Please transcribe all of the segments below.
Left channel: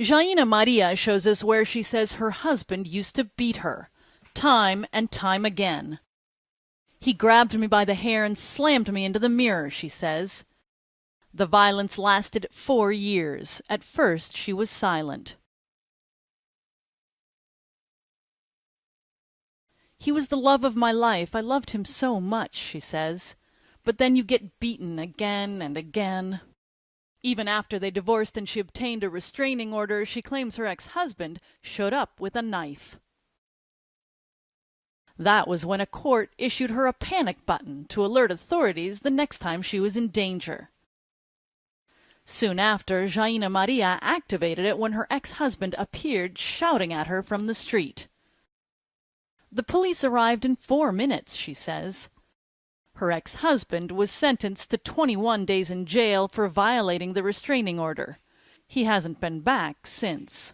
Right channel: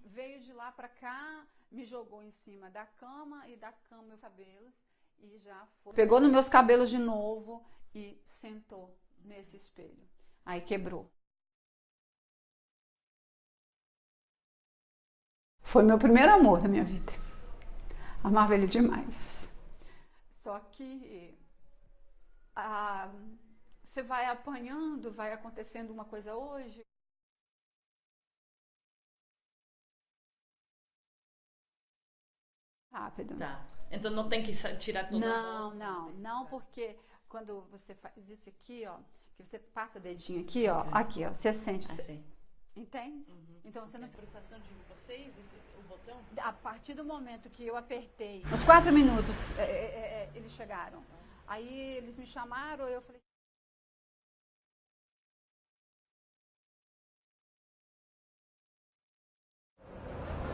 Jaina Maria shows us where she says her husband used to beat her, time and time again. He grabbed me by the hair and slammed me into the mirror, she says. The violence lasted 4 years. At first, she was silent. Foi meu primeiro amor da minha vida. Amava ele demais. He was the love of my life. I loved him so much, she says. But then you get beaten again and again. Even after they divorced and she obtained a restraining order, she claims her ex-husband showed up with a knife. That was when a court issued her a panic button to alert authorities the next time she was in danger. Soon after, Jaina Maria activated it when her ex-husband appeared shouting at her from the street. The police arrived in 4 minutes, she says. Her ex-husband was sentenced to 21 days in jail for violating the restraining order. He hasn't been back since.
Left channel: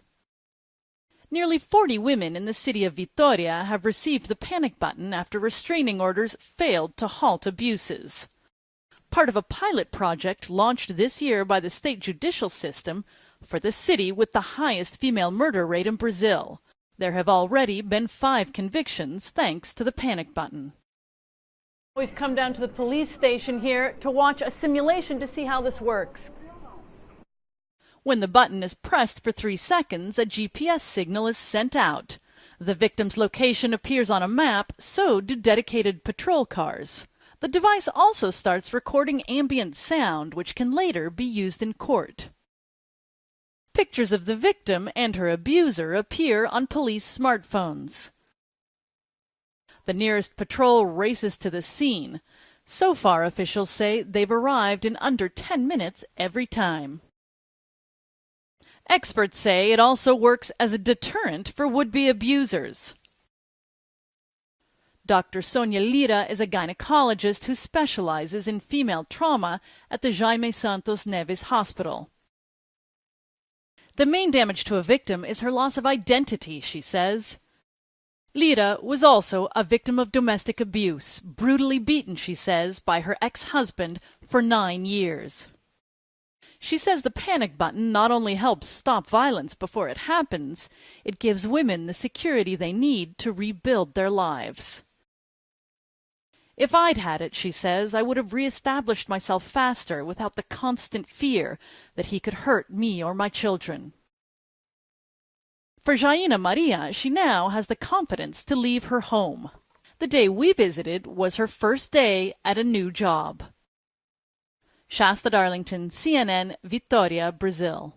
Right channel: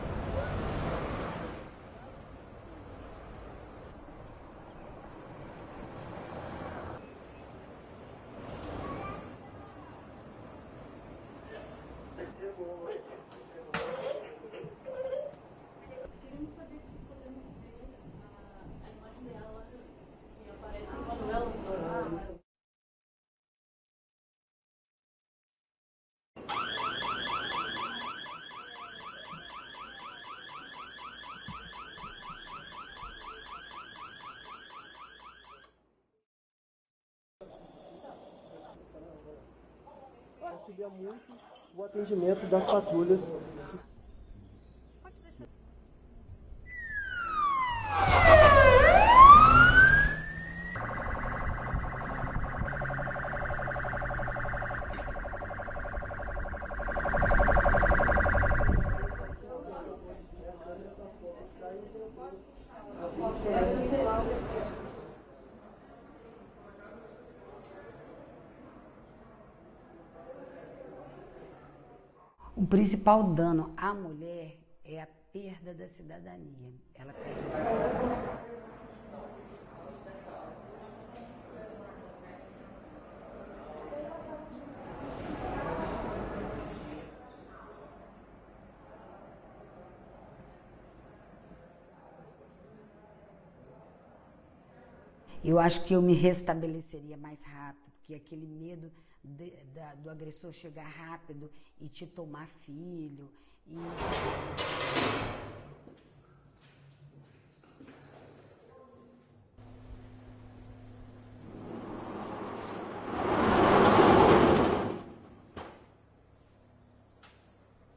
Nearly 40 women in the city of Vitória have received the panic button after restraining orders failed to halt abuses. Part of a pilot project launched this year by the state judicial system for the city with the highest female murder rate in Brazil. There have already been 5 convictions thanks to the panic button. We've come down to the police station here to watch a simulation to see how this works. When the button is pressed for 3 seconds, a GPS signal is sent out. The victim's location appears on a map, so do dedicated patrol cars. The device also starts recording ambient sound, which can later be used in court. Pictures of the victim and her abuser appear on police smartphones. The nearest patrol races to the scene. So far, officials say they've arrived in under 10 minutes every time. Experts say it also works as a deterrent for would-be abusers. Dr. Sonia Lira is a gynecologist who specializes in female trauma at the Jaime Santos Neves Hospital. The main damage to a victim is her loss of identity, she says. Lira was also a victim of domestic abuse, brutally beaten, she says, by her ex-husband for 9 years. She says the panic button not only helps stop violence before it happens, it gives women the security they need to rebuild their lives. If I'd had it, she says, I would have reestablished myself faster without the constant fear that he could hurt me or my children. For Jaina Maria, she now has the confidence to leave her home. The day we visited was her first day at a new job. Shasta Darlington, CNN, Vitória, Brazil.